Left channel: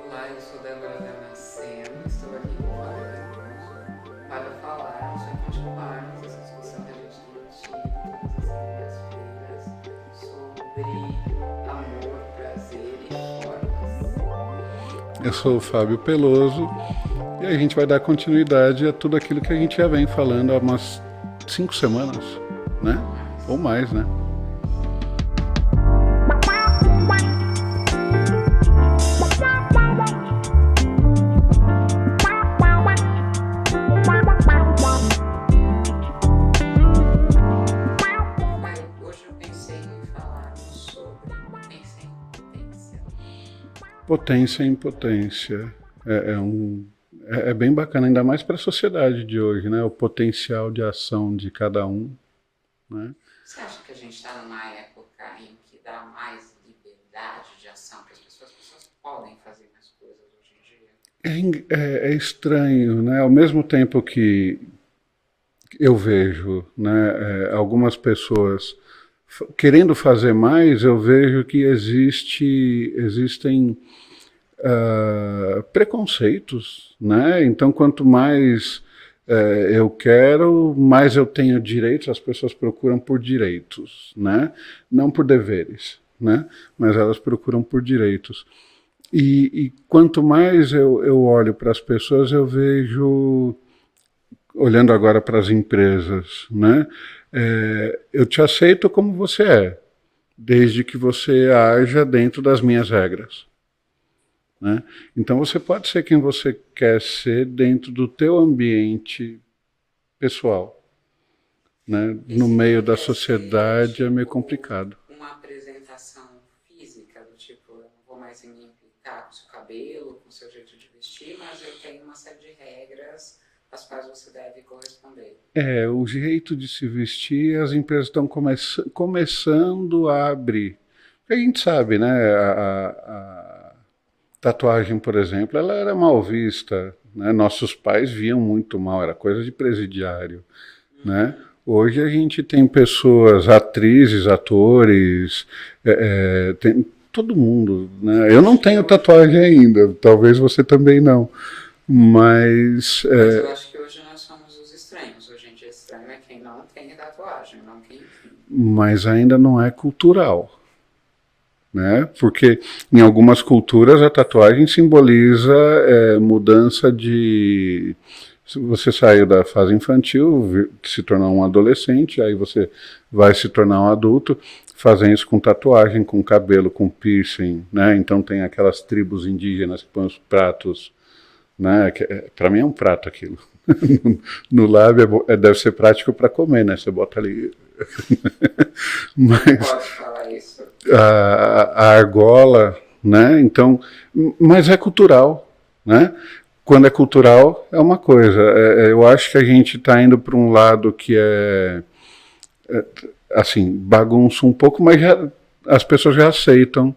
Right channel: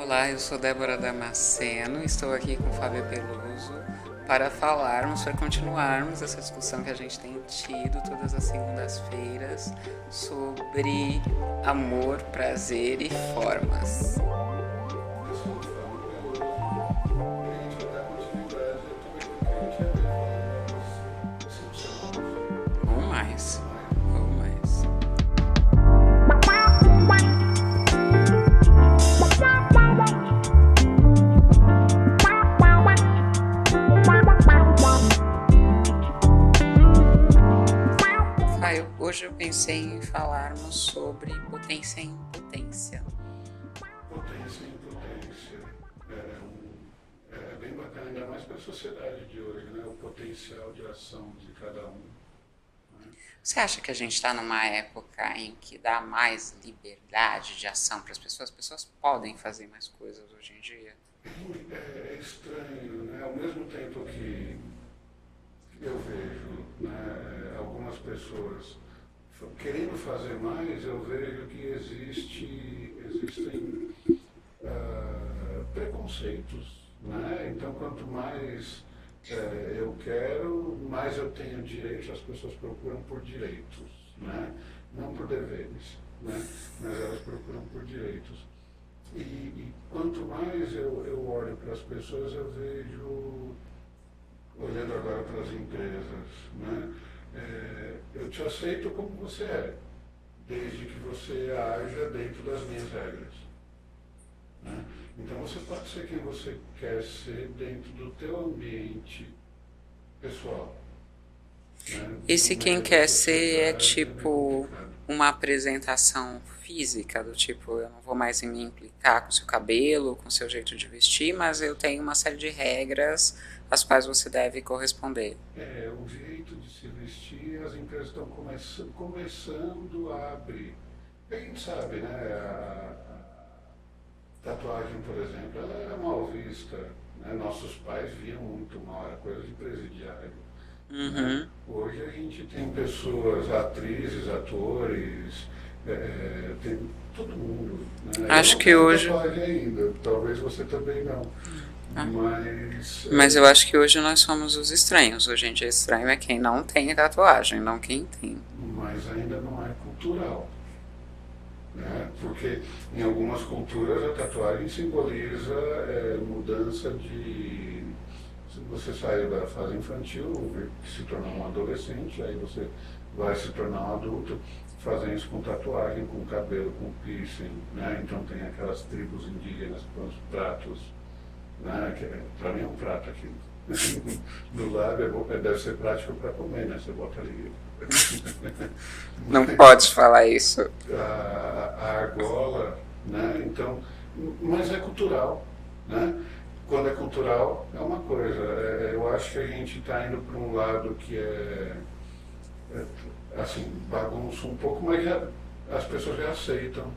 Olá, eu sou Débora Damasceno, estou aqui com o Fábio Peluso para falarmos, para continuarmos essa discussão que a gente tem tido todas as segundas-feiras sobre amor, prazer e formas. Eu sou o Fábio Peloso e a gente vai dar continuidade a tudo aquilo que a gente já vem falando há umas 5 semanas, né? Ou mais, né? Ou mais. Hoje eu pensei em falarmos sobre potência e impotência. Potência e impotência é bem bacana, ainda mais para a sociedade de hoje, né? O potencial de ação de cada um, né? Você acha que a gente está numa época em que dá mais liberdade de ação para as pessoas? As pessoas podem fazer mais coisas hoje em dia? É estranho, né? Ao mesmo tempo que eu vejo, né, algumas pessoas querendo fazer mais, eu vejo que existem preconceitos, né? Então, quanto mais eu quero, mais eu tenho direitos. As pessoas procuram por direitos, né? Não por deveres, né? Mas elas procuram por direitos. E quanto mais eu olho para as pessoas, eu vejo, olhando agora para as empresas, né? Eu te aceito como você é, desde que você haja dentro das minhas regras, né? Então você pode ser quem você quer ser dentro do teu ambiente pessoal, né? E No se meio quem da quer ser, sociedade é meio tipo, complicado. uma apresentação física, do tipo, eu não vou mais me implicar com seu cabelo, com seu jeito de vestir, mas eu tenho uma série de regras às quais você deve corresponder. O jeito de se vestir, as empresas estão começando a abrir. A gente sabe, né? A tatuagem, por exemplo, ela era mal vista, né? Nossos pais viam muito mal, era coisa de presidiário, né? Hoje a gente tem pessoas, atrizes, atores, tem todo mundo, né? Eu Acho não que tenho hoje. tatuagem ainda, talvez você também não, mas Mas eu acho que hoje nós somos os estranhos. Hoje em dia estranho é quem não tem tatuagem, não quem tem. mas ainda não é cultural, né? Porque em algumas culturas a tatuagem simboliza mudança de... Se você saiu da fase infantil, se tornar um adolescente, aí você vai se tornar um adulto, fazem isso com tatuagem, com cabelo, com piercing, né? Então tem aquelas tribos indígenas que põem os pratos, né? Para mim é um prato aquilo. No lábio deve ser prático para comer, né? Você bota ali. Não pode falar isso. A argola, né? Então, mas é cultural, né? Quando é cultural é uma coisa. Eu acho que a gente está indo para um lado que assim, bagunça um pouco, mas as pessoas já aceitam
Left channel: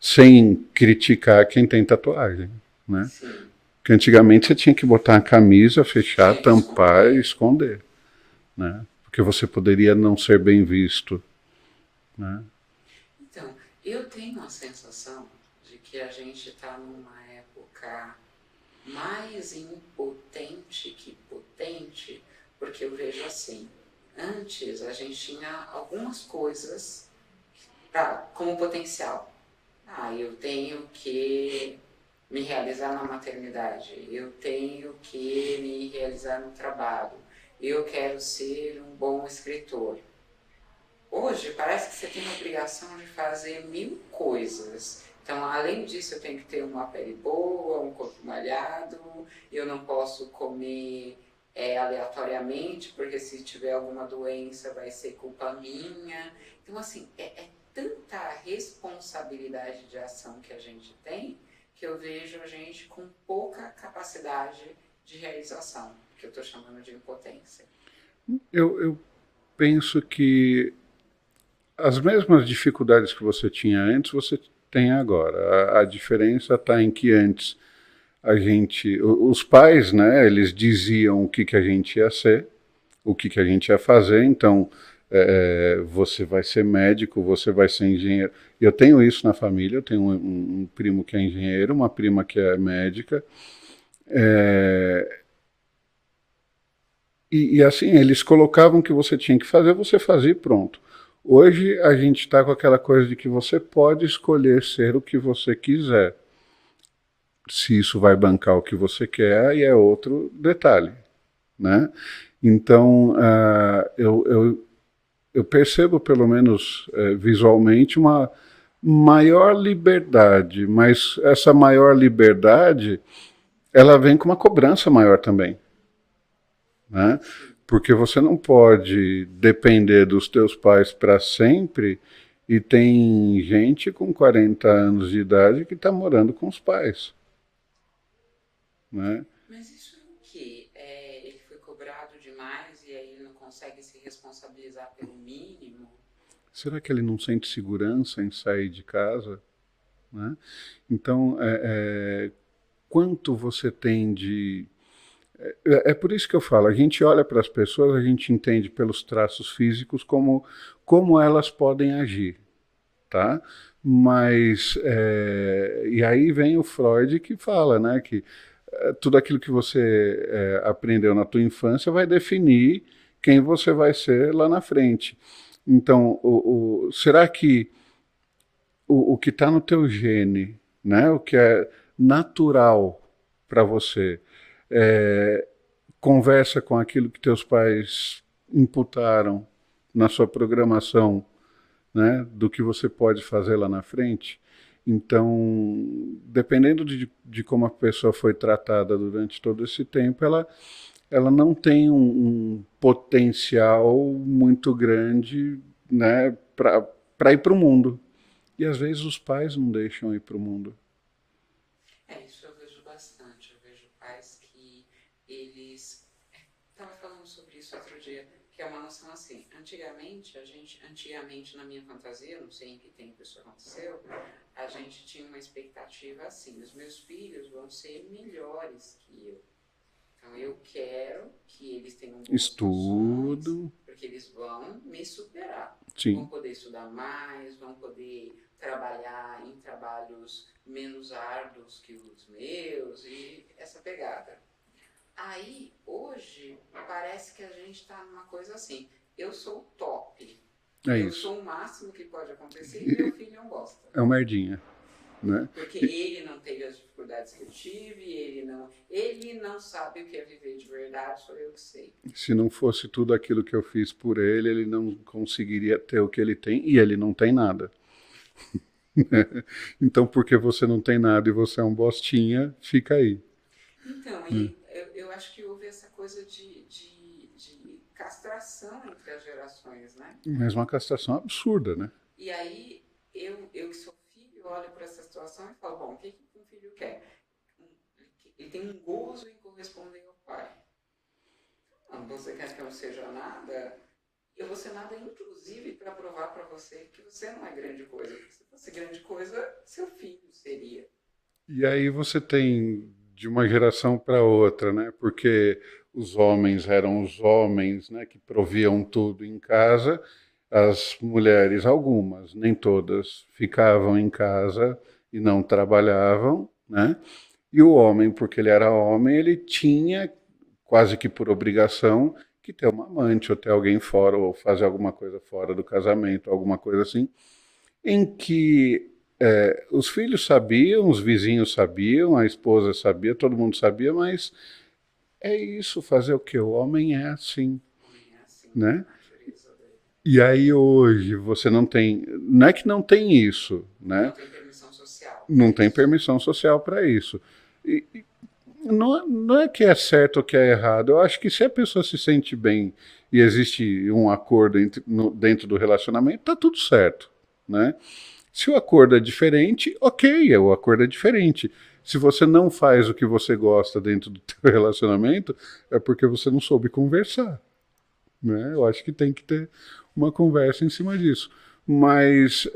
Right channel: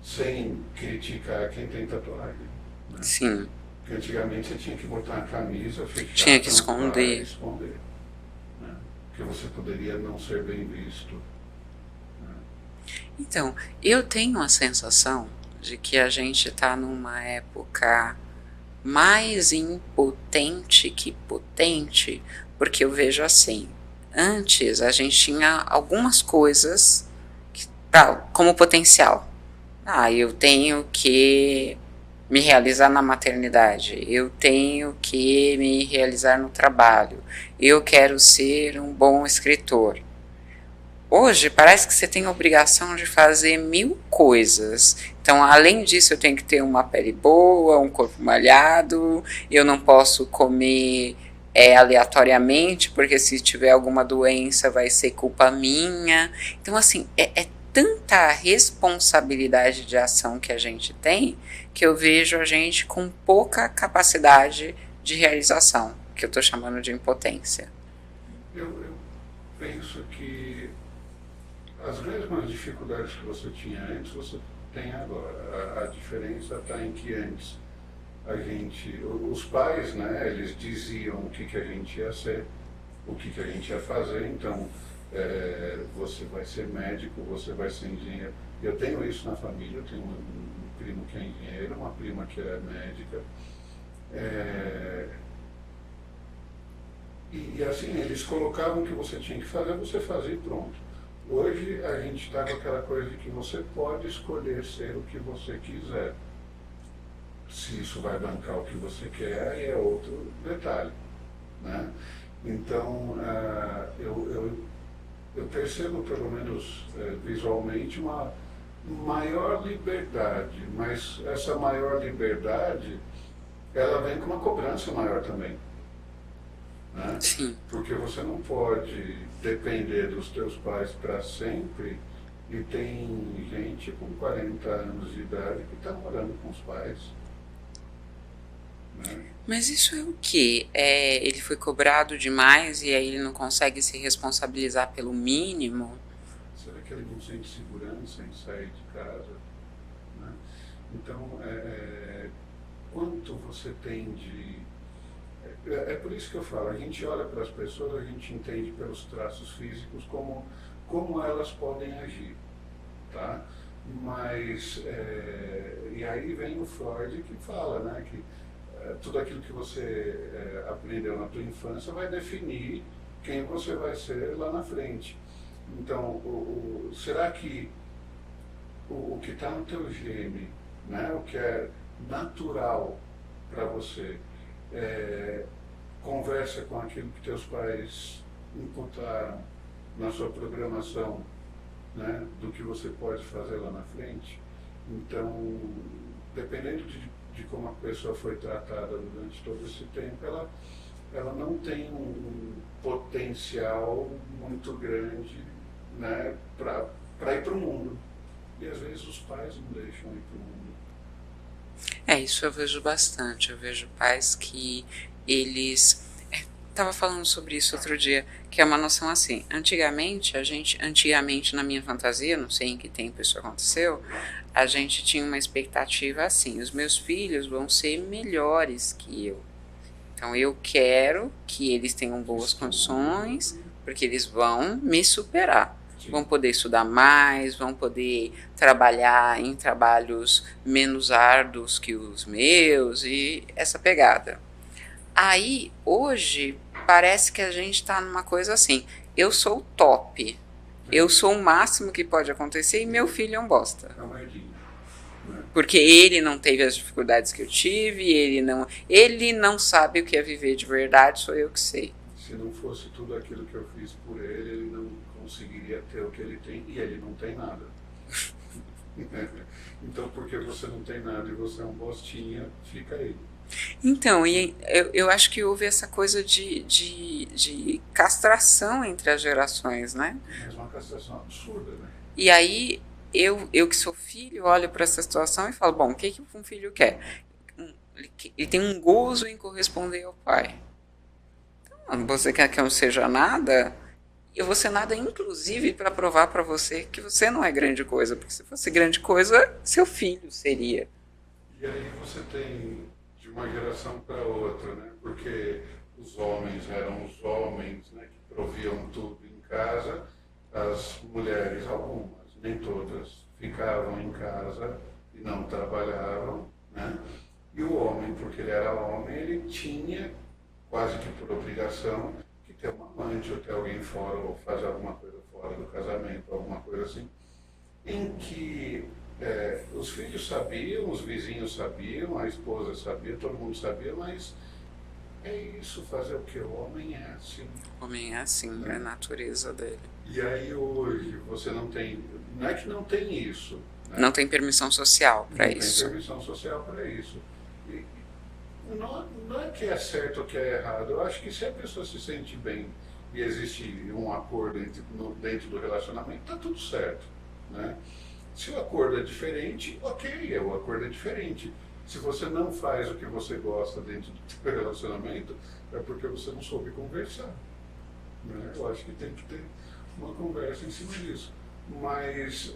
sem criticar quem tem tatuagem, né? Sim. Porque antigamente você tinha que botar a camisa, fechar, Tinha que tampar esconder. e esconder, né? Porque você poderia não ser bem visto, né? Então, eu tenho a sensação de que a gente está numa época mais impotente que potente, porque eu vejo assim, antes a gente tinha algumas coisas como potencial. Eu tenho que me realizar na maternidade, eu tenho que me realizar no trabalho, eu quero ser um bom escritor. Hoje parece que você tem a obrigação de fazer 1000 coisas. Então, além disso, eu tenho que ter uma pele boa, um corpo malhado, eu não posso comer aleatoriamente, porque se tiver alguma doença vai ser culpa minha. Então, assim, é tanta responsabilidade de ação que a gente tem, que eu vejo a gente com pouca capacidade de realização, que eu estou chamando de impotência. Eu penso que as mesmas dificuldades que você tinha antes, você tem agora. A diferença está em que antes os pais, né, eles diziam o que a gente ia ser, o que a gente ia fazer, então você vai ser médico, você vai ser engenheiro. Eu tenho isso na família, eu tenho um primo que é engenheiro, uma prima que é médica. É, e assim, eles colocavam o que você tinha que fazer, você fazia e pronto. Hoje a gente está com aquela coisa de que você pode escolher ser o que você quiser. Se isso vai bancar o que você quer, aí é outro detalhe, né? Então, eu percebo, pelo menos visualmente, uma maior liberdade, mas essa maior liberdade, ela vem com uma cobrança maior também, né? Sim. Porque você não pode depender dos teus pais para sempre e tem gente com 40 anos de idade que está morando com os pais, né? Mas isso é o quê? Ele foi cobrado demais e aí ele não consegue se responsabilizar pelo mínimo? Será que ele não sente segurança em sair de casa, né? Então, quanto você tem de... É por isso que eu falo, a gente olha para as pessoas, a gente entende pelos traços físicos como elas podem agir, tá? Mas, e aí vem o Freud que fala, né, que tudo aquilo que você aprendeu na tua infância vai definir quem você vai ser lá na frente. Então, será que o que está no teu gene, né, o que é natural para você, conversa com aquilo que teus pais imputaram na sua programação, né, do que você pode fazer lá na frente? Então, dependendo de como a pessoa foi tratada durante todo esse tempo, ela não tem um potencial muito grande, né, para ir para o mundo. E às vezes os pais não deixam ir para o mundo. Isso eu vejo bastante. Eu vejo pais que eles. Tava falando sobre isso outro dia, que é uma noção assim. Antigamente na minha fantasia, não sei em que tempo isso aconteceu, a gente tinha uma expectativa assim: os meus filhos vão ser melhores que eu. Então eu quero que eles tenham boas condições, Estudo. porque eles vão me superar. Vão Sim. poder estudar mais, vão poder trabalhar em trabalhos menos árduos que os meus e essa pegada. Aí, hoje, parece que a gente está numa coisa assim: eu sou o top, É eu isso. sou o máximo que pode acontecer e meu filho é um bosta. É uma merdinha, né? Porque ele não teve as dificuldades que eu tive, ele não sabe o que é viver de verdade, sou eu que sei. Se não fosse tudo aquilo que eu fiz por ele não conseguiria ter o que ele tem, e ele não tem nada. Então, porque você não tem nada e você é um bostinha, fica aí. Então, eu acho que houve essa coisa de castração entre as gerações, né? Mas uma castração absurda, né? E aí, eu que sou filho, olho para essa situação e falo: bom, o que um filho quer? Ele tem um gozo em corresponder ao pai. Então, você quer que eu não seja nada? Eu vou ser nada, inclusive, para provar para você que você não é grande coisa. Porque se fosse grande coisa, seu filho seria. E aí você tem de uma geração para outra, né? Porque os homens eram os homens, né, que proviam tudo em casa, as mulheres, algumas, nem todas, ficavam em casa e não trabalhavam, né? E o homem, porque ele era homem, ele tinha, quase que por obrigação, que ter uma amante, ou ter alguém fora, ou fazer alguma coisa fora do casamento, alguma coisa assim, em que os filhos sabiam, os vizinhos sabiam, a esposa sabia, todo mundo sabia, mas é isso, fazer o que? O homem é assim, O homem é assim, é a né? natureza dele. E aí hoje você não tem, não é que não tem isso, Não né? tem permissão social para Não tem isso. permissão social para isso. E não é que é certo ou que é errado. Eu acho que se a pessoa se sente bem e existe um acordo dentro do relacionamento, tá tudo certo, né? Se o acordo é diferente, ok, o acordo é diferente. Se você não faz o que você gosta dentro do teu relacionamento, é porque você não soube conversar, né? Eu acho que tem que ter uma conversa em cima disso. Mas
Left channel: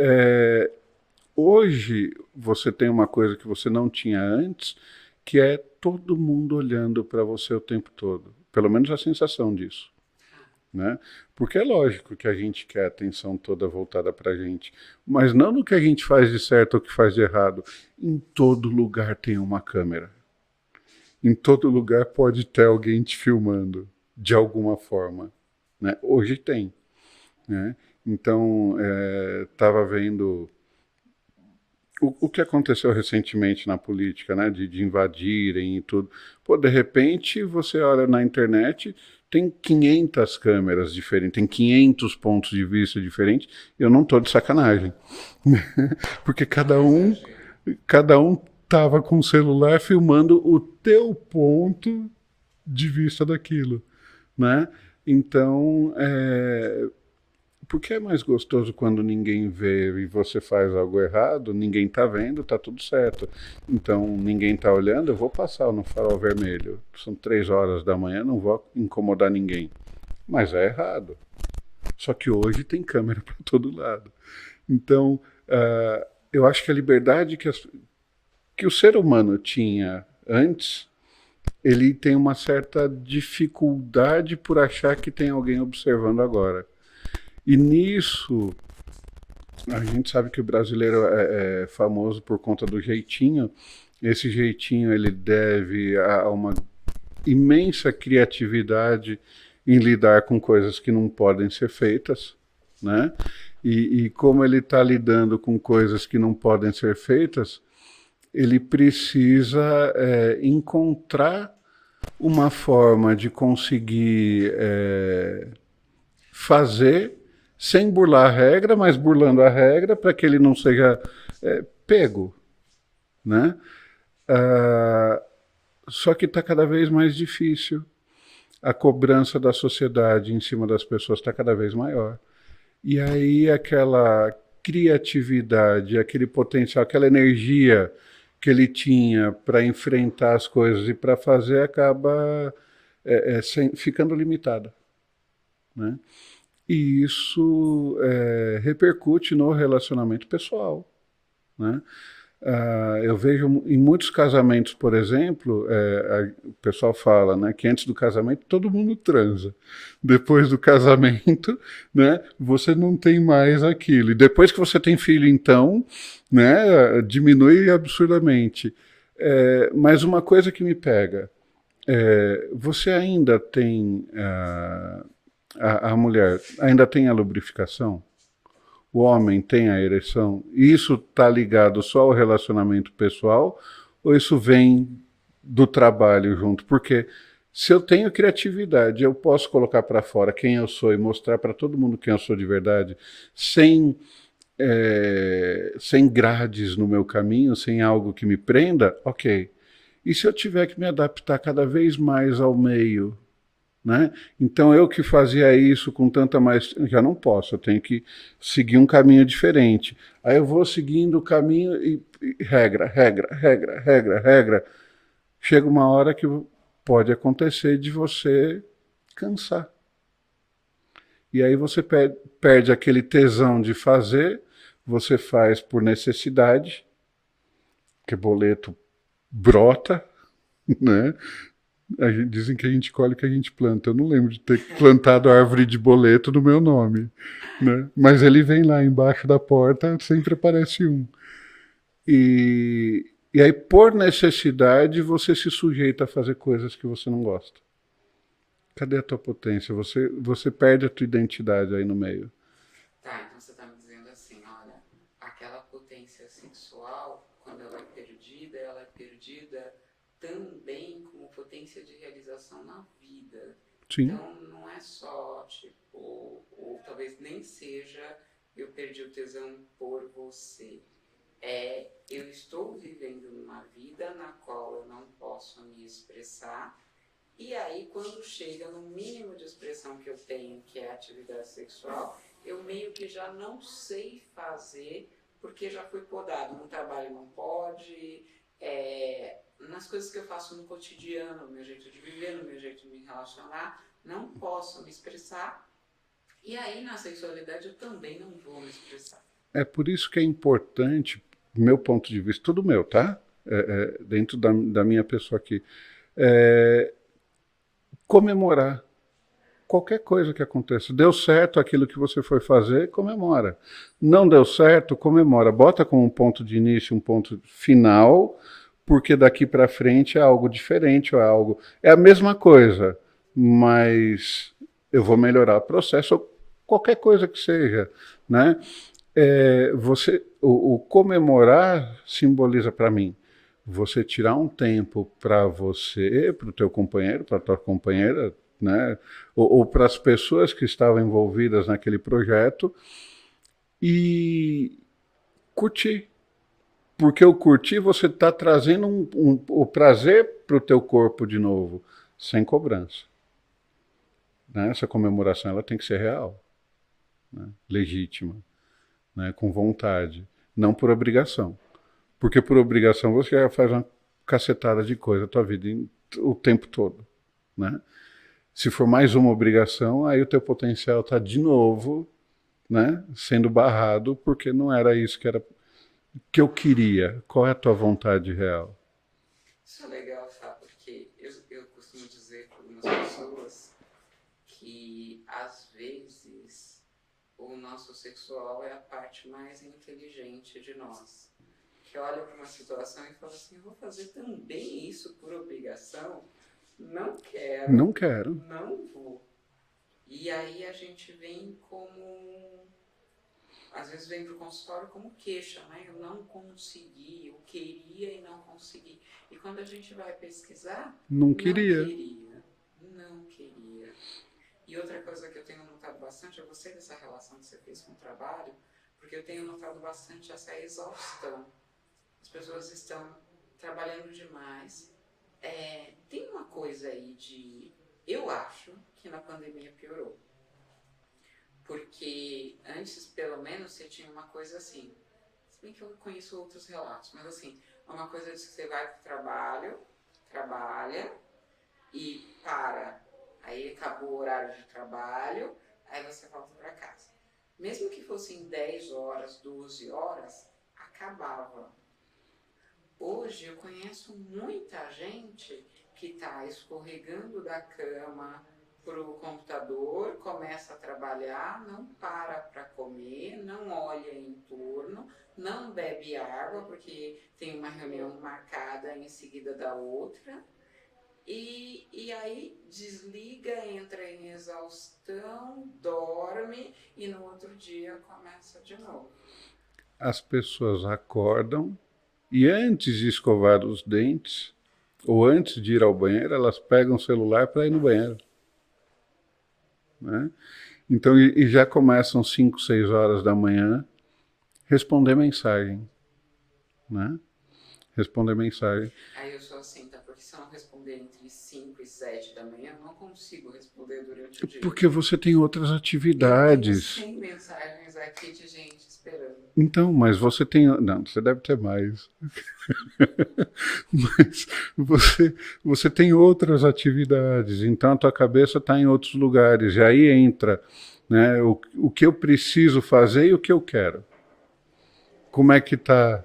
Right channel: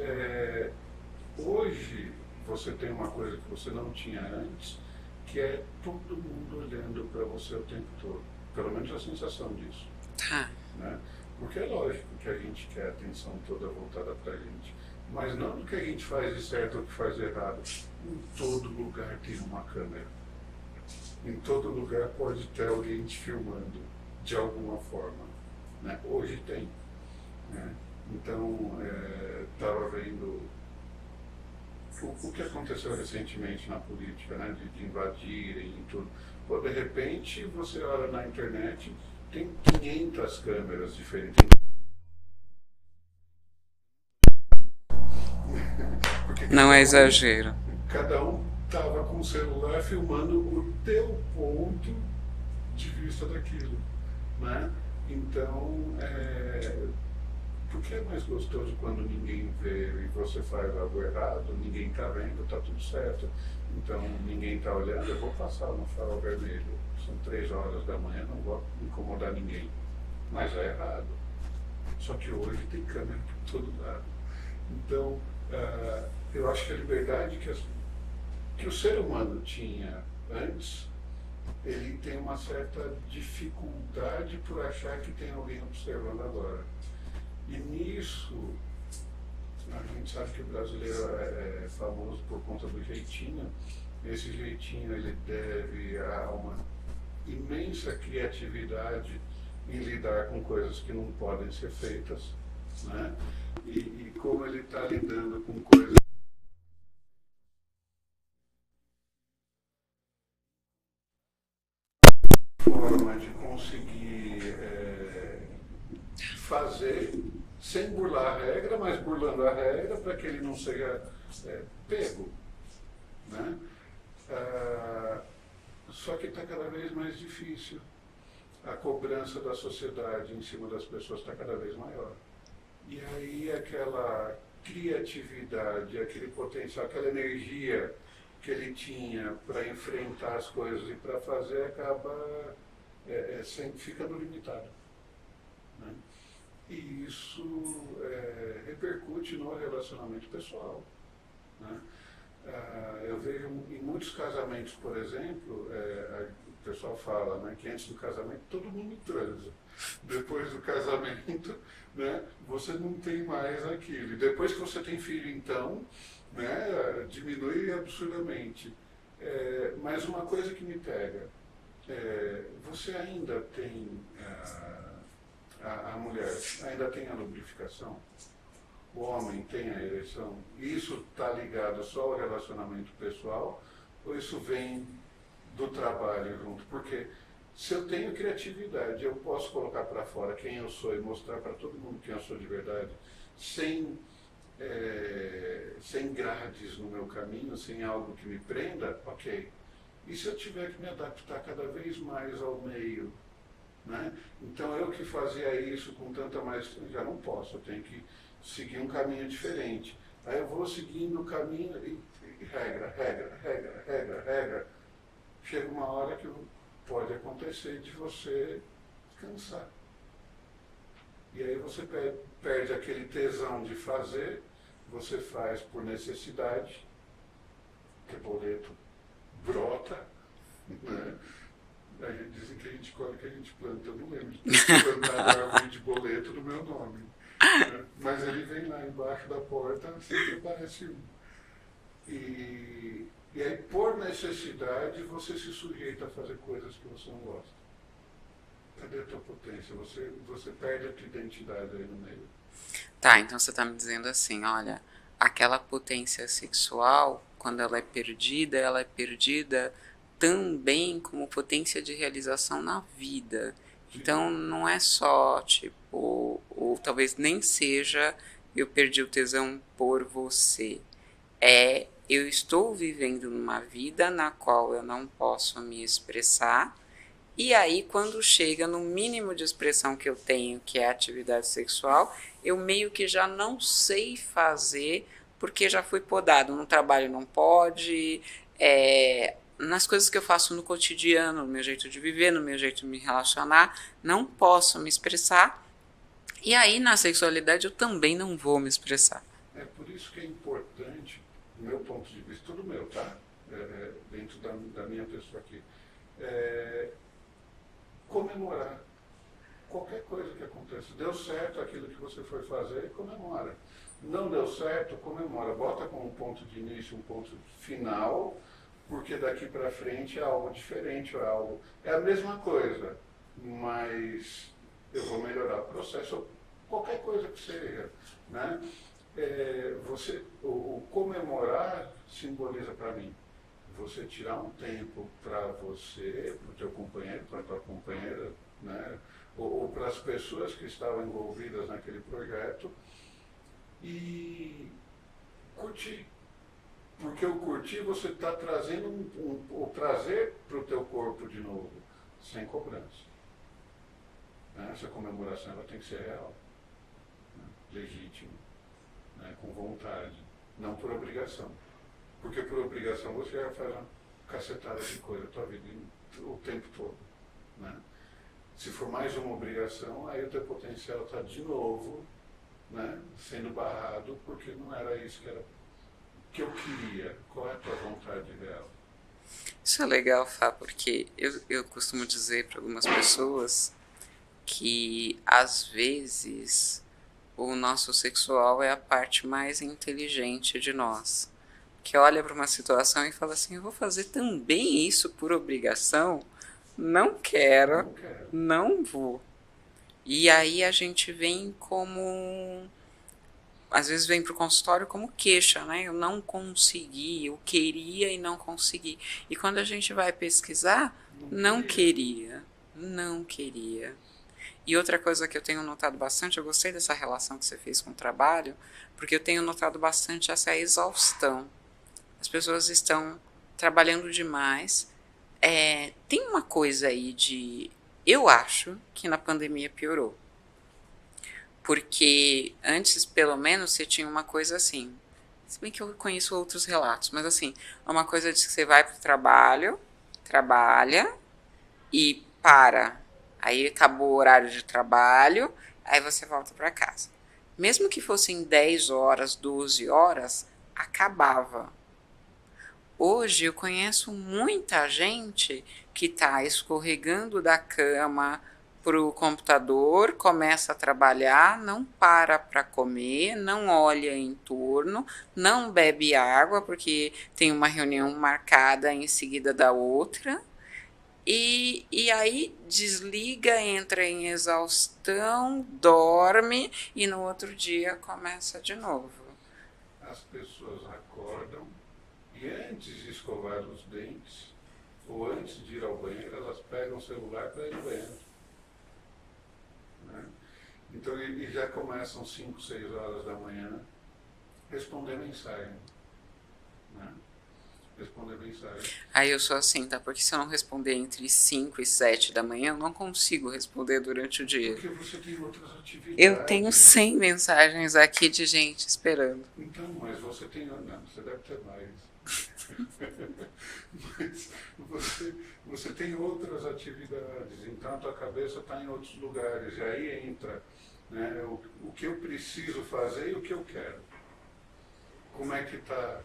hoje você tem uma coisa que você não tinha antes, que é todo mundo olhando para você o tempo todo. Pelo menos a sensação disso, Tá. né? Porque é lógico que a gente quer a atenção toda voltada para a gente, mas não no que a gente faz de certo ou que faz de errado. Em todo lugar tem uma câmera. Em todo lugar pode ter alguém te filmando, de alguma forma. Né? Hoje tem. Né? Então, estava vendo o que aconteceu recentemente na política, né? De invadirem e tudo. Pô, de repente, você olha na internet, tem 500 câmeras diferentes, tem 500 pontos de vista diferentes. Eu não estou de sacanagem. Porque Não é exagero. cada um tava com o celular filmando o teu ponto de vista daquilo, né? Então, porque é mais gostoso quando ninguém vê e você faz algo errado, ninguém tá vendo, tá tudo certo. Então, ninguém tá olhando, eu vou passar no farol vermelho. São 3 horas da manhã, não vou incomodar ninguém. Mas é errado. Só que hoje tem câmera para todo lado. Então, eu acho que a liberdade que o ser humano tinha antes, ele tem uma certa dificuldade por achar que tem alguém observando agora. E nisso, a gente sabe que o brasileiro é famoso por conta do jeitinho. Esse jeitinho ele deve a uma imensa criatividade em lidar com coisas que não podem ser feitas, né? E como ele está lidando com coisas que não podem ser feitas, ele precisa encontrar uma forma de conseguir fazer sem burlar a regra, mas burlando a regra para que ele não seja pego, né? Só que está cada vez mais difícil. A cobrança da sociedade em cima das pessoas está cada vez maior. E aí aquela criatividade, aquele potencial, aquela energia que ele tinha para enfrentar as coisas e para fazer acaba ficando limitada, né? E isso repercute no relacionamento pessoal, né? Eu vejo em muitos casamentos, por exemplo, o pessoal fala, né, que antes do casamento todo mundo transa. Depois do casamento, né, você não tem mais aquilo. E depois que você tem filho, então, né, diminui absurdamente. Mas uma coisa que me pega, você ainda tem, a mulher ainda tem a lubrificação? O homem tem a ereção? Isso está ligado só ao relacionamento pessoal ou isso vem do trabalho junto? Porque se eu tenho criatividade, eu posso colocar para fora quem eu sou e mostrar para todo mundo quem eu sou de verdade, sem grades no meu caminho, sem algo que me prenda, ok. E se eu tiver que me adaptar cada vez mais ao meio, né? Então eu que fazia isso com tanta mais, já não posso, eu tenho que seguir um caminho diferente. Aí eu vou seguindo o caminho e regra, regra, regra, regra, regra. Chega uma hora que pode acontecer de você cansar. E aí você perde aquele tesão de fazer, você faz por necessidade, que boleto brota, né? Dizem que a gente colhe o que a gente planta. Eu não lembro de ter plantado árvore de boleto no meu nome, né? Mas ele vem lá embaixo da porta, sempre aparece um. E aí, por necessidade, você se sujeita a fazer coisas que você não gosta. Cadê a tua potência? Você perde a tua identidade aí no meio. Tá, então você tá me dizendo assim, olha, aquela potência sexual, quando ela é perdida também como potência de realização na vida. Sim. Então não é só, tipo, ou talvez nem seja eu perdi o tesão por você. Eu estou vivendo numa vida na qual eu não posso me expressar. E aí, quando chega no mínimo de expressão que eu tenho, que é a atividade sexual, eu meio que já não sei fazer, porque já fui podado. No trabalho não pode, nas coisas que eu faço no cotidiano, no meu jeito de viver, no meu jeito de me relacionar, não posso me expressar. E aí, na sexualidade, eu também não vou me expressar. É por isso que é importante, do meu ponto de vista, tudo meu, tá? Dentro da minha pessoa aqui, comemorar qualquer coisa que aconteça. Deu certo aquilo que você foi fazer, comemora. Não deu certo, comemora. Bota como um ponto de início, um ponto final, porque daqui para frente é algo diferente, ou é algo... É a mesma coisa, mas eu vou melhorar o processo, ou qualquer coisa que seja, né? O comemorar simboliza para mim você tirar um tempo para você, para o teu companheiro, para a tua companheira, né? Ou para as pessoas que estavam envolvidas naquele projeto e curtir. Porque o curtir você está trazendo o prazer para o teu corpo de novo, sem cobrança. Né? Essa comemoração ela tem que ser real, né? Legítima, né? Com vontade, não por obrigação. Porque por obrigação você já faz uma cacetada de coisa a tua vida o tempo todo, né? Se for mais uma obrigação, aí o teu potencial está de novo, né, sendo barrado, porque não era isso que eu queria. Qual é a tua vontade real? Isso é legal, Fá, porque eu costumo dizer para algumas pessoas que, às vezes, o nosso sexual é a parte mais inteligente de nós. Que olha para uma situação e fala assim, eu vou fazer também isso por obrigação? Não quero. Não quero. Não vou. E aí a gente vem como... Às vezes vem para o consultório como queixa, né? Eu não consegui, eu queria e não consegui. E quando a gente vai pesquisar, não queria. Não queria. E outra coisa que eu tenho notado bastante, eu gostei dessa relação que você fez com o trabalho, porque eu tenho notado bastante essa exaustão. As pessoas estão trabalhando demais. Tem uma coisa aí de... Eu acho que na pandemia piorou. Porque antes, pelo menos, você tinha uma coisa assim. Se bem que eu conheço outros relatos, mas assim, uma coisa de que você vai para o trabalho, trabalha e para. Aí acabou o horário de trabalho, aí você volta para casa. Mesmo que fossem 10 horas, 12 horas, acabava. Hoje eu conheço muita gente que está escorregando da cama para o computador, começa a trabalhar, não para comer, não olha em torno, não bebe água porque tem uma reunião marcada em seguida da outra, e aí desliga, entra em exaustão, dorme e no outro dia começa de novo. As pessoas acordam e antes de escovar os dentes, ou antes de ir ao banheiro, elas pegam o celular para ir no banheiro. Né? Então, e já começam 5, 6 horas da manhã responder mensagem. Né? Responder mensagem. Aí eu sou assim, tá? Porque se eu não responder entre 5 e 7 da manhã, eu não consigo responder durante o dia. Porque você tem outras atividades. Eu tenho 100 mensagens aqui de gente esperando. Então, mas você tem... Não, você deve ter mais. Mas você tem outras atividades. Então, a tua cabeça está em outros lugares. E aí entra, né, o que eu preciso fazer e o que eu quero. Como é que está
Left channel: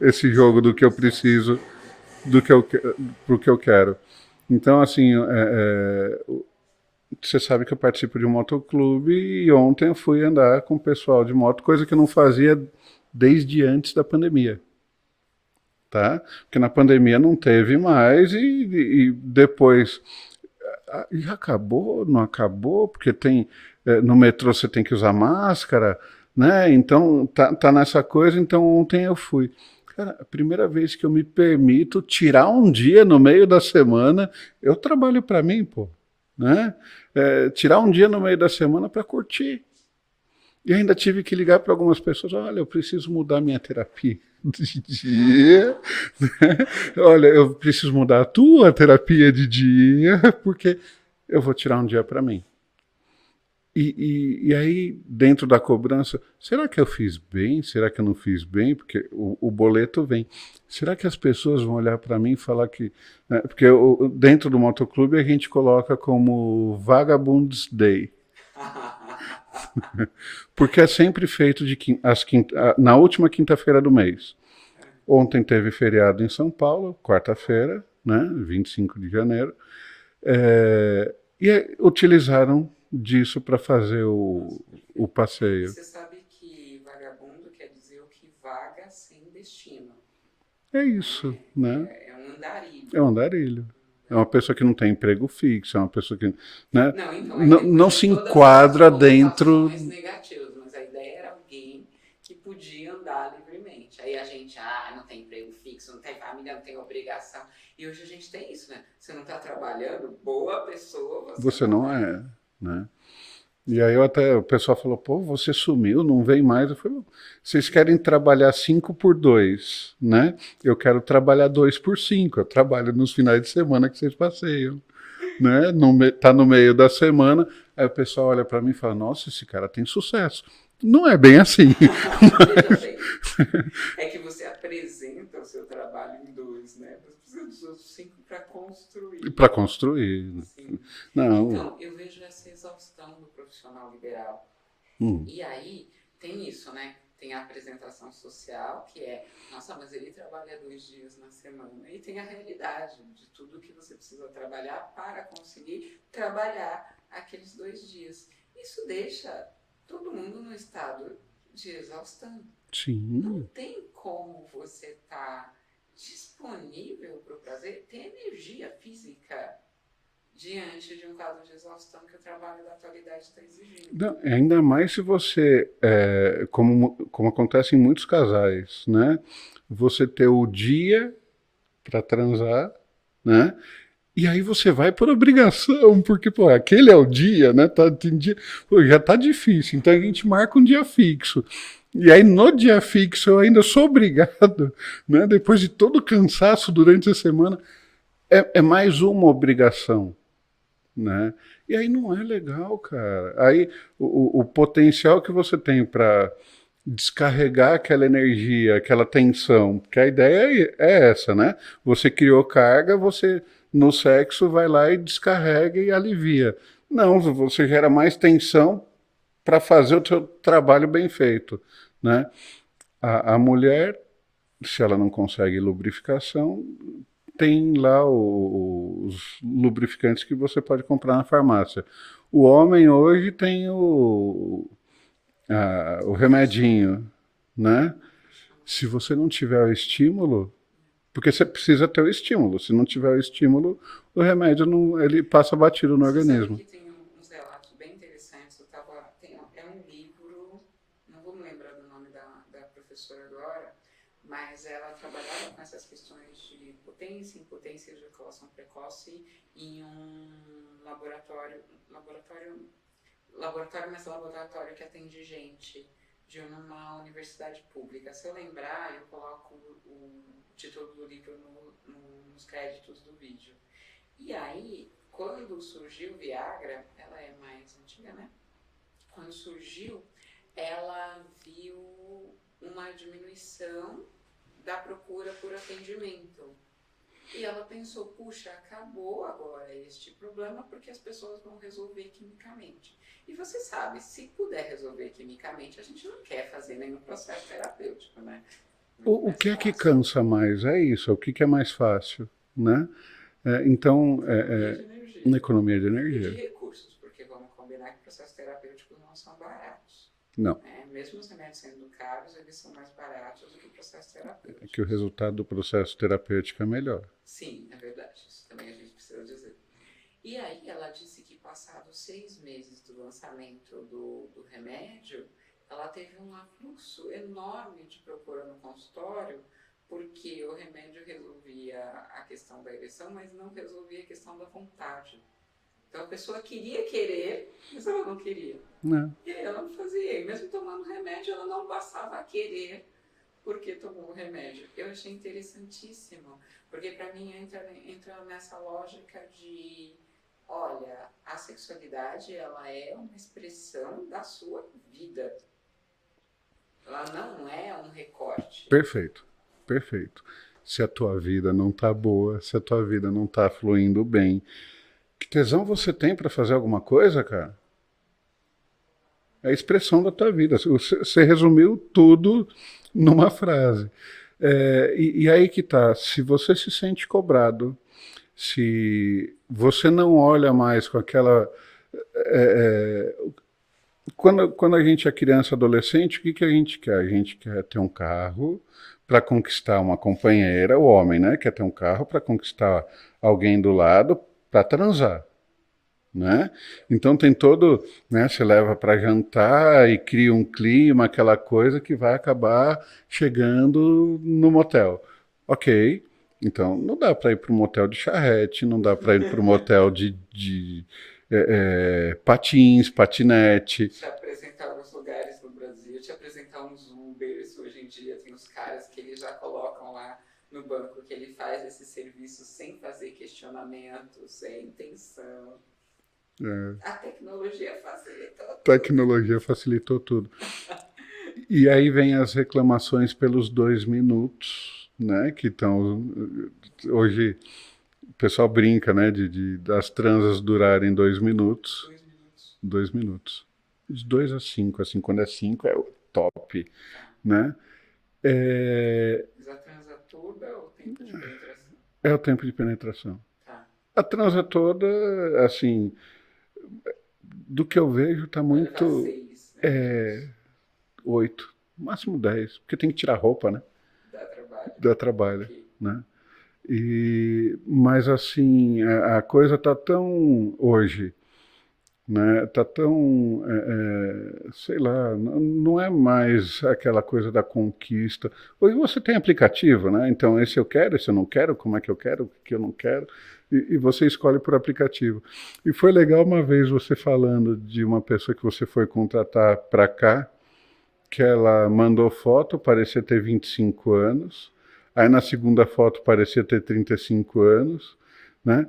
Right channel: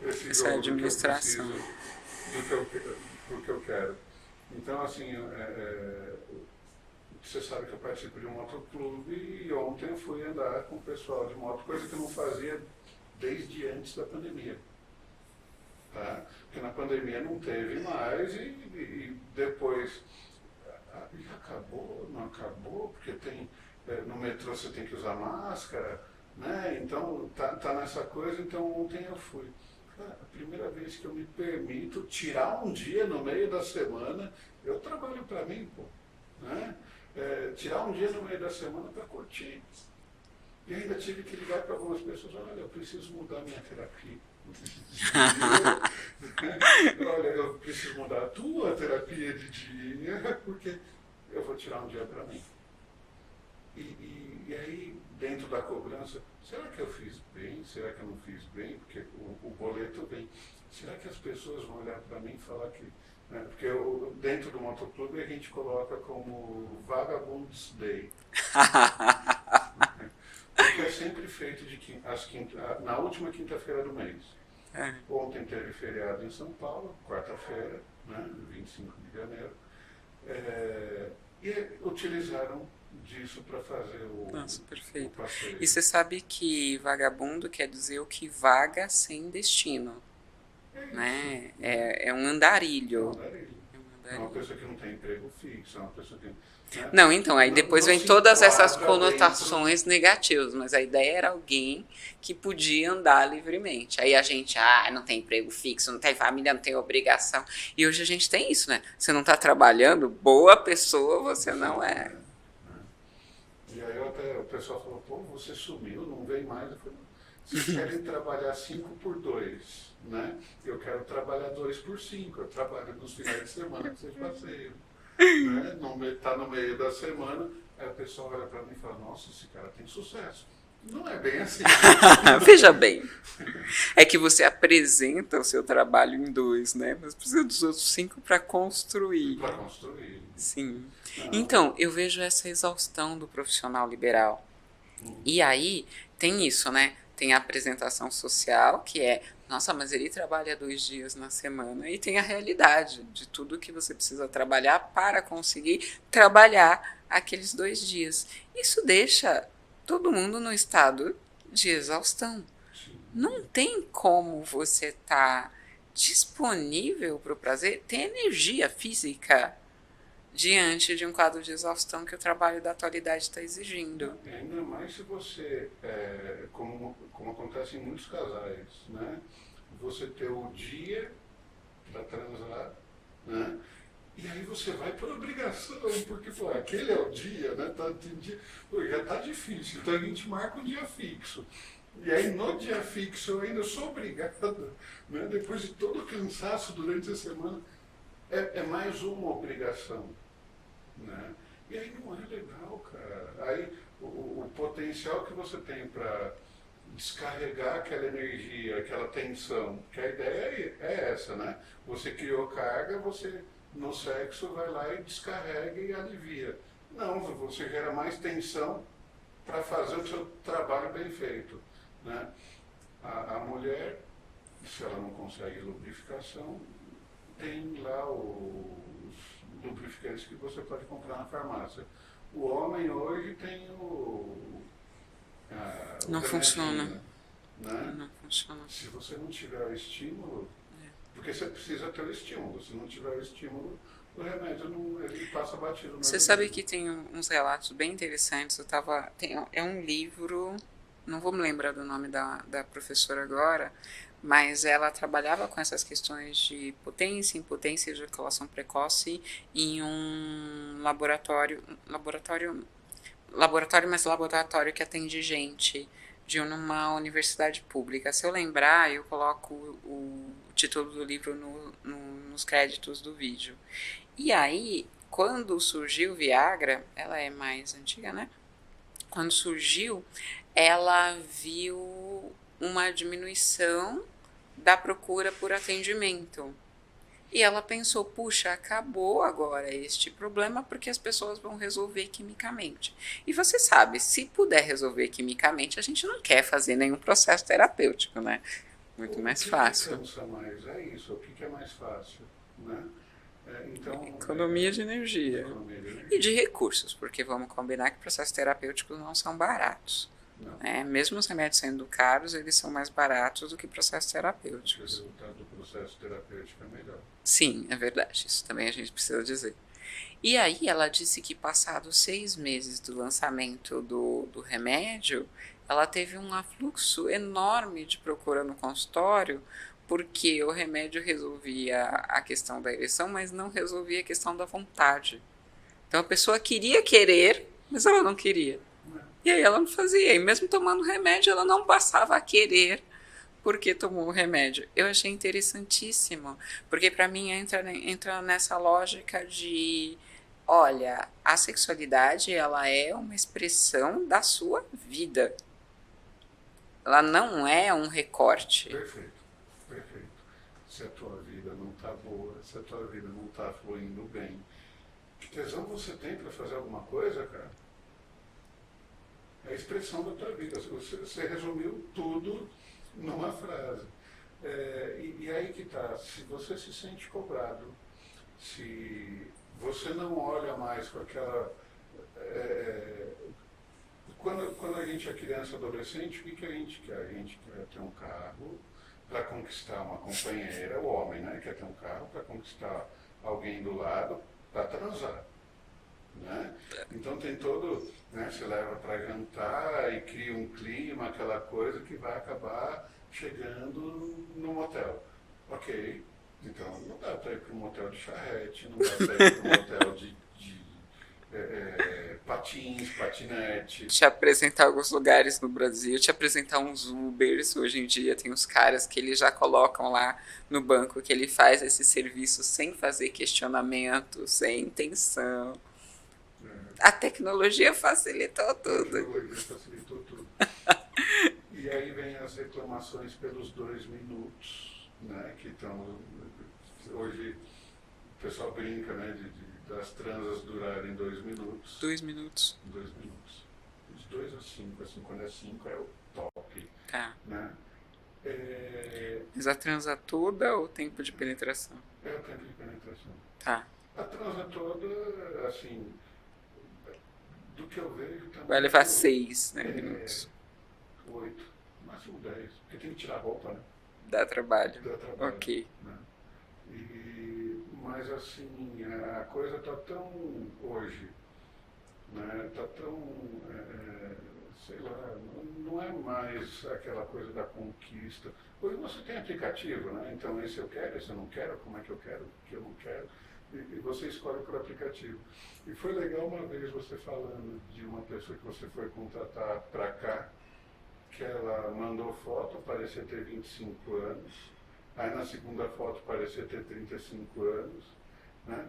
esse jogo do que eu preciso, pro que eu quero? Então, assim, você sabe que eu participo de um motoclube e ontem eu fui andar com o pessoal de moto, coisa que eu não fazia desde antes da pandemia. Tá? Porque na pandemia não teve mais e depois... Já acabou? Não acabou? Porque tem... no metrô você tem que usar máscara, né? Então tá nessa coisa, então ontem eu fui. Cara, a primeira vez que eu me permito tirar um dia no meio da semana, eu trabalho para mim, pô, né? Tirar um dia no meio da semana para curtir. E ainda tive que ligar para algumas pessoas, olha, eu preciso mudar minha terapia de dia, né? Olha, eu preciso mudar a tua terapia de dia, porque eu vou tirar um dia para mim. E aí, dentro da cobrança, será que eu fiz bem? Será que eu não fiz bem? Porque o boleto vem. Será que as pessoas vão olhar para mim e falar que... Né? Porque dentro do motoclube a gente coloca como Vagabunds Day. Porque é sempre feito na última quinta-feira do mês. Ontem teve feriado em São Paulo, quarta-feira, né? 25 de janeiro. E utilizaram disso para fazer Nossa, o perfeito. E passeio. você sabe que vagabundo quer dizer o que vaga sem destino, É isso, né? né? É um É um andarilho. andarilho. É um É uma andarilho. pessoa que não tem emprego fixo, é uma pessoa que, né, Não, então, aí não, depois não vem se todas essas enquadra dentro. conotações negativas, mas a ideia era alguém que podia andar livremente. Aí a gente, não tem emprego fixo, não tem família, não tem obrigação. E hoje a gente tem isso, né? Você não está trabalhando, boa pessoa você Você não não é. é, né? E aí o pessoal falou, pô, você sumiu, não vem mais. Eu falei, vocês querem trabalhar 5 por 2, né? Eu quero trabalhar 2 por 5. Eu trabalho nos finais de semana que vocês passeiam, né? Tá no meio da semana, aí o pessoal olha para mim e fala, nossa, esse cara tem sucesso. Não é bem assim. Veja bem, é que você apresenta o seu trabalho em dois, né? Mas precisa dos outros 5 para construir. Para construir. Sim. Não. Então, eu vejo essa exaustão do profissional liberal. Hum. E aí tem isso, né? Tem a apresentação social, que é, nossa, mas ele trabalha 2 dias na semana. E tem a realidade de tudo que você precisa trabalhar para conseguir trabalhar aqueles 2 dias. Isso deixa todo mundo no estado de exaustão. Não Sim. tem como você estar disponível para o prazer, ter energia física diante de um quadro de exaustão que o trabalho da atualidade está exigindo. Não, ainda mais se você, como acontece em muitos casais, né? Você ter o dia para transar, né? E aí você vai por obrigação, porque, pô, aquele é o dia, né? Tem dia, pô, já tá difícil, então a gente marca um dia fixo. E aí no dia fixo eu ainda sou obrigado, né? Depois de todo o cansaço durante a semana, é mais uma obrigação, né? E aí não é legal, cara. Aí o potencial que você tem para descarregar aquela energia, aquela tensão, porque a ideia é essa, né? Você criou carga, você no sexo vai lá e descarrega e alivia. Não, você gera mais tensão para fazer o seu trabalho bem feito, né? A mulher, se ela não consegue lubrificação, tem lá os lubrificantes que você pode comprar na farmácia. O homem hoje tem o Não funciona. remedinho, né? Não funciona. Se você não tiver o estímulo, porque você precisa ter o estímulo. Se não tiver o estímulo, o remédio não, ele passa batido no Você sabe organismo. que tem uns relatos bem interessantes. É um livro, não vou me lembrar do nome da professora agora, mas ela trabalhava com essas questões de potência, impotência e ejaculação precoce em um mas laboratório que atende gente de uma universidade pública. Se eu lembrar, eu coloco o título do livro nos créditos do vídeo. E aí, quando surgiu o Viagra, ela é mais antiga, né? Quando surgiu, ela viu uma diminuição da procura por atendimento. E ela pensou, puxa, acabou agora este problema porque as pessoas vão resolver quimicamente. E você sabe, se puder resolver quimicamente, a gente não quer fazer nenhum processo terapêutico, né? Muito O mais que é que fácil. cansa mais? É isso. O que é mais fácil, né? Então, Economia de na energia. economia de E de energia. recursos, porque vamos combinar que processos terapêuticos não são baratos. Não. Mesmo os remédios sendo caros, eles são mais baratos do que processos Que o terapêuticos. resultado do processo terapêutico é melhor. Sim, é verdade. Isso também a gente precisa dizer. E aí ela disse que passados 6 meses do lançamento do remédio, ela teve um afluxo enorme de procura no consultório, porque o remédio resolvia a questão da ereção, mas não resolvia a questão da vontade. Então a pessoa queria querer, mas ela não queria. Né? E aí ela não fazia. E mesmo tomando remédio, ela não passava a querer porque tomou o remédio. Eu achei interessantíssimo, porque para mim entra nessa lógica de, olha, a sexualidade ela é uma expressão da sua vida. Ela não é um recorte. Perfeito, perfeito. Se a tua vida não tá boa, se a tua vida não tá fluindo bem, que tesão você tem para fazer alguma coisa, cara? É a expressão da tua vida. Você resumiu tudo numa frase. E aí que tá. Se você se sente cobrado, se você não olha mais com aquela. é, é, quando a gente é criança, adolescente, o que, que a gente quer? A gente quer ter um carro para conquistar uma companheira, o homem, né? Quer ter um carro para conquistar alguém do lado para transar, né? Então tem todo, né? Você leva para jantar e cria um clima, aquela coisa que vai acabar chegando no motel. Ok, então não dá para ir para um motel de charrete, não dá para ir para um motel de patins, patinete. Te apresentar alguns lugares no Brasil, te apresentar uns Ubers. Hoje em dia tem os caras que eles já colocam lá no banco que ele faz esse serviço sem fazer questionamento, sem intenção. É, A tecnologia facilitou tudo. tecnologia facilitou tudo. E aí vem as reclamações pelos 2 minutos, né? Que estão hoje o pessoal brinca, né? Das transas durarem 2 minutos. 2 minutos. 2 minutos. De 2 a 5, assim, quando é 5 é o top, Tá. né? É, Mas a transa toda ou o tempo de penetração? é o tempo de penetração. Tá. A transa toda, assim, do que eu vejo, tá Vai muito levar 6, né, minutos. 8, máximo 10, porque tem que tirar roupa, né? Dá trabalho. Dá trabalho, Ok. né? Mas assim, a coisa tá tão hoje, né? Tá tão, sei lá, não é mais aquela coisa da conquista. Hoje você tem aplicativo, né? Então esse eu quero, esse eu não quero, como é que eu quero, o que eu não quero, e você escolhe por aplicativo. E foi legal uma vez você falando de uma pessoa que você foi contratar para cá, que ela mandou foto, parecia ter 25 anos. Aí na segunda foto parecia ter 35 anos, né?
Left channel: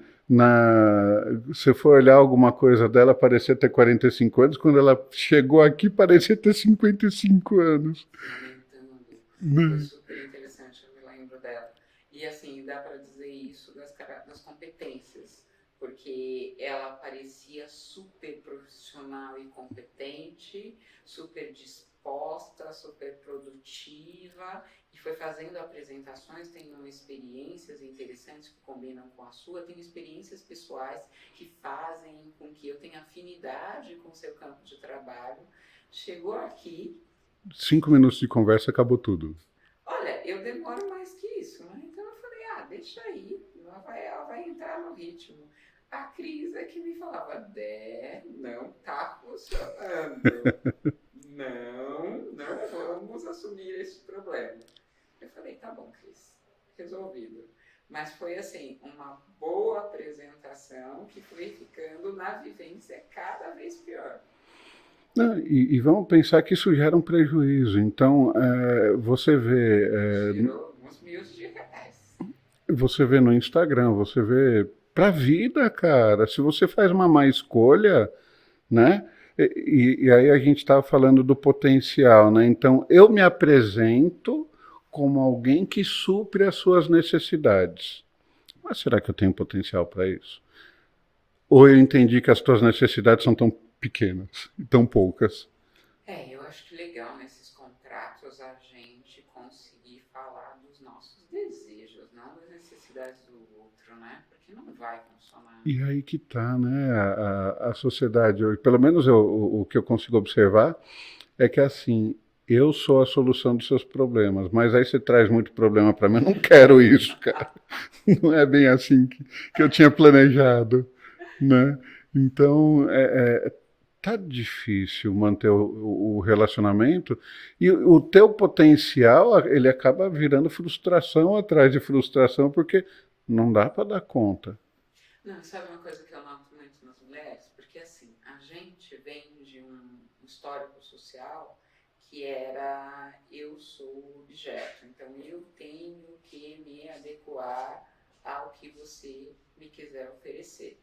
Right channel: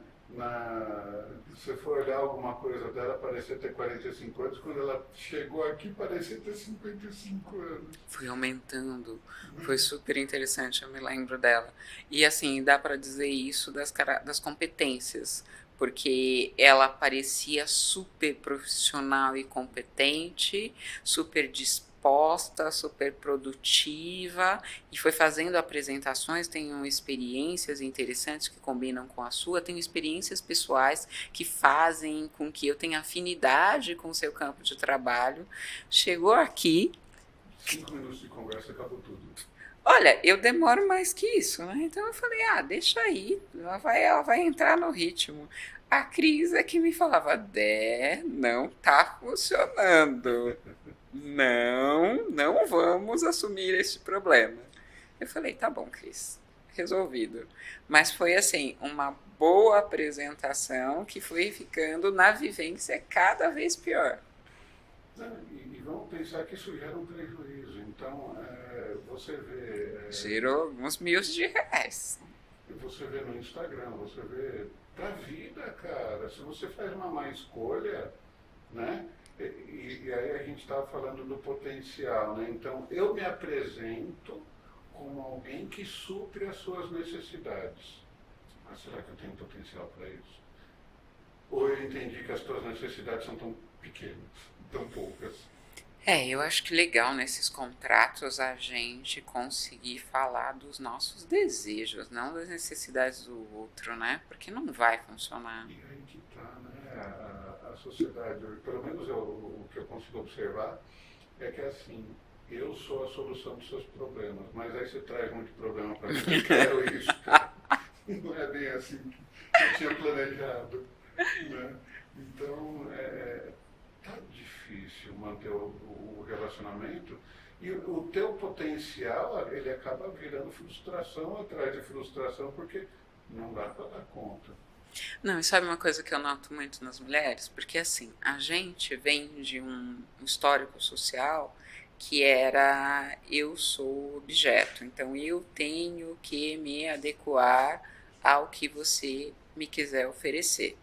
Você foi olhar alguma coisa dela, parecia ter 45 anos. Quando ela chegou aqui, parecia ter 55 anos. Fui aumentando. Foi Né? super interessante, eu me lembro dela. E assim, dá para dizer isso das competências, porque ela parecia super profissional e competente, super disposta, super produtiva, e foi fazendo apresentações. Tenho experiências interessantes que combinam com a sua, tenho experiências pessoais que fazem com que eu tenha afinidade com o seu campo de trabalho. Chegou aqui. 5 minutos de conversa, acabou tudo. Olha, eu demoro mais que isso, né? Então eu falei, deixa aí, ela vai entrar no ritmo. A Cris é que me falava, Dé, não tá funcionando. Não vamos assumir esse problema. Eu falei, tá bom, Cris, resolvido. Mas foi assim, uma boa apresentação que foi ficando na vivência cada vez pior. Não, e vamos pensar que isso gera um prejuízo. Então, Girou uns R$ 1.000. você vê no Instagram, você vê pra vida, cara. Se você faz uma má escolha, né? E aí a gente estava falando do potencial, né? Então, eu me apresento como alguém que supre as suas necessidades. Mas será que eu tenho potencial para isso? Ou eu entendi que as tuas necessidades são tão pequenas, tão poucas? Eu acho que legal nesses contratos a gente conseguir falar dos nossos desejos, não das necessidades do outro, né? Porque não vai funcionar. E aí que tá, né? A sociedade hoje, pelo menos o que eu consigo observar, é que assim, eu sou a solução dos seus problemas, mas aí você traz muito problema para mim, eu não quero isso, cara. Não é bem assim que eu tinha planejado, né? Então, tá difícil manter o relacionamento e o teu potencial, ele acaba virando frustração atrás de frustração, porque não dá para dar conta. Não, e sabe uma coisa que eu noto muito nas mulheres? Porque assim, a gente vem de um histórico social que era eu sou objeto, então eu tenho que me adequar ao que você me quiser oferecer.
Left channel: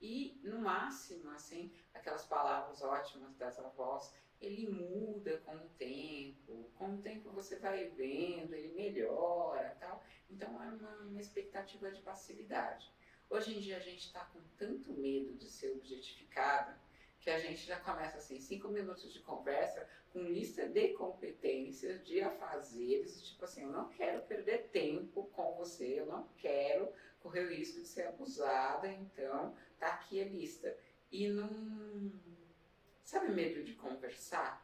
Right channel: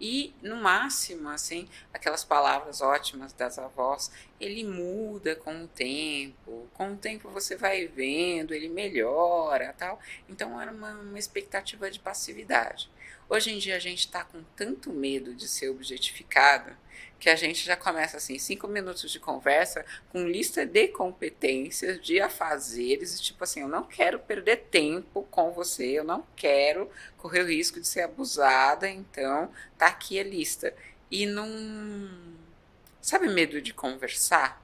E, no máximo, assim, aquelas palavras ótimas das avós, ele muda com o tempo. Com o tempo você vai vendo, ele melhora, tal. Então era uma expectativa de passividade. Hoje em dia a gente está com tanto medo de ser objetificada que a gente já começa assim, 5 minutos de conversa com lista de competências, de afazeres, e tipo assim, eu não quero perder tempo com você, eu não quero correr o risco de ser abusada, então tá aqui a lista. E não... Sabe medo de conversar?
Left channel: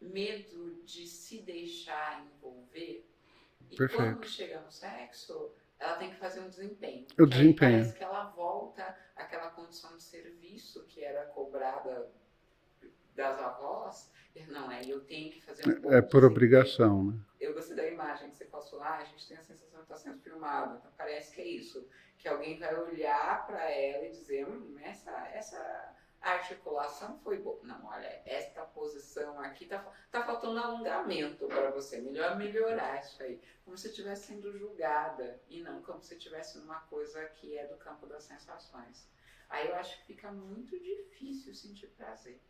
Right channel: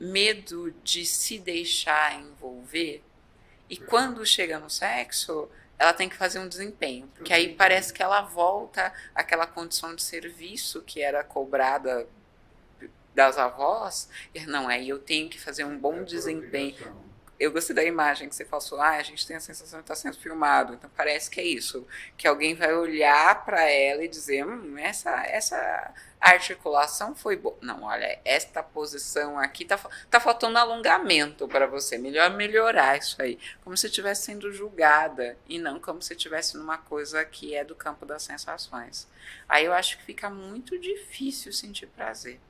Medo de se deixar envolver? E Perfeito. quando chega no sexo, ela tem que fazer um desempenho. O Porque aí desempenho. parece que ela volta àquela condição de serviço que era cobrada das avós. E não, aí eu tenho que fazer um bom É por desempenho. obrigação, né? Eu gostei da imagem que você passou. A gente tem a sensação de estar sendo filmado. Então parece que é isso. Que alguém vai olhar para ela e dizer, essa articulação foi boa. Não, olha, esta posição aqui tá faltando alongamento para você. Melhor melhorar isso aí. Como se estivesse sendo julgada e não como se estivesse numa coisa que é do campo das sensações. Aí eu acho que fica muito difícil sentir prazer.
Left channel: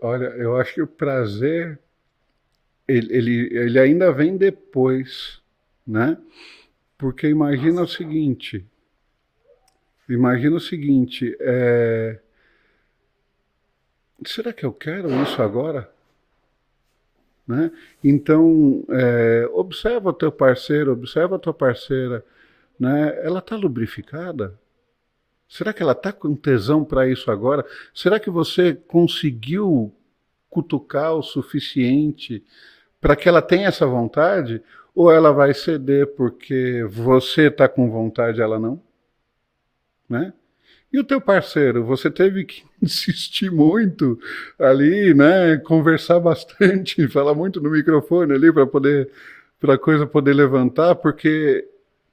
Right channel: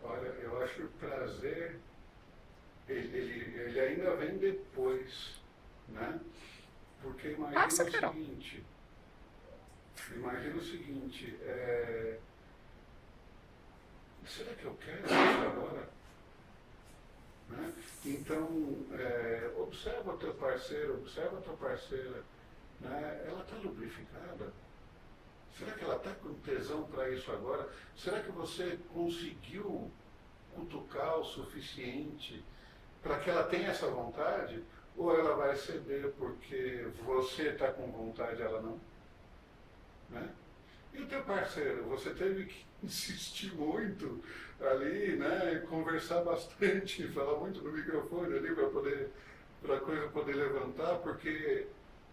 Olha, eu acho que o prazer ele ainda vem depois, né? Porque imagina o seguinte, será que eu quero isso agora? Né? Então, observa o teu parceiro, observa a tua parceira, né? Ela está lubrificada? Será que ela está com tesão para isso agora? Será que você conseguiu cutucar o suficiente para que ela tenha essa vontade? Ou ela vai ceder porque você está com vontade e ela não? Né? E o teu parceiro, você teve que insistir muito ali, né? Conversar bastante, falar muito no microfone ali para a coisa poder levantar, porque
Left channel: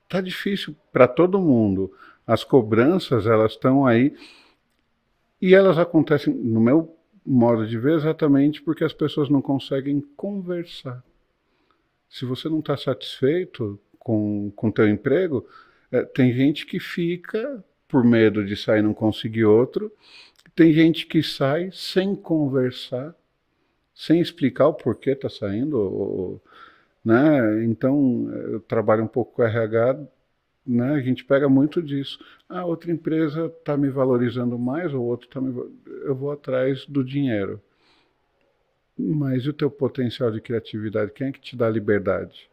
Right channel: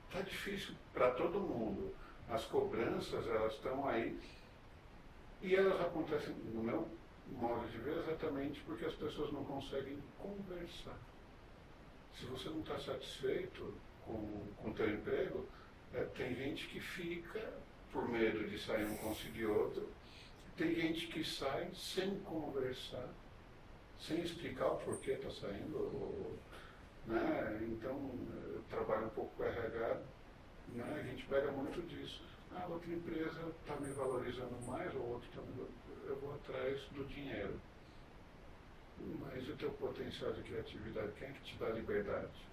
tá difícil para todo mundo. As cobranças, elas estão aí e elas acontecem, no meu modo de ver, exatamente porque as pessoas não conseguem conversar. Se você não está satisfeito com o teu emprego, tem gente que fica por medo de sair e não conseguir outro, tem gente que sai sem conversar, sem explicar o porquê está saindo, né? Então, eu trabalho um pouco com RH, né? A gente pega muito disso. A outra empresa está me valorizando mais, ou outro eu vou atrás do dinheiro. Mas e o teu potencial de criatividade? Quem é que te dá liberdade?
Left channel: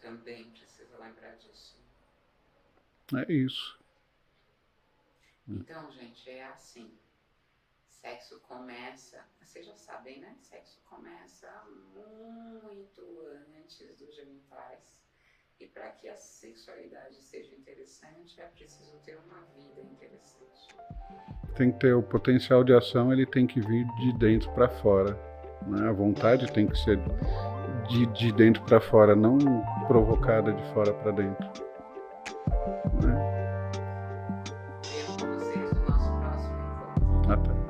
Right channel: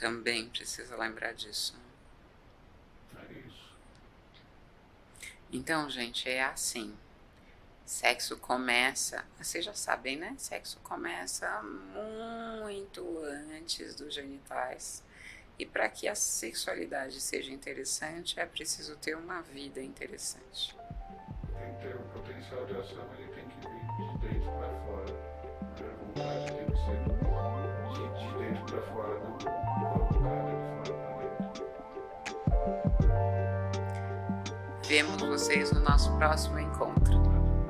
Também precisa lembrar disso. É isso. Então, gente, é assim. Sexo começa, vocês já sabem, né? Sexo começa muito antes dos genitais. E para que a sexualidade seja interessante, é preciso ter uma vida interessante. Tem que ter o potencial de ação, ele tem que vir de dentro para fora, né? A vontade tem que ser de dentro para fora, não provocada de fora para dentro. Vemos vocês no nosso próximo encontro. Até.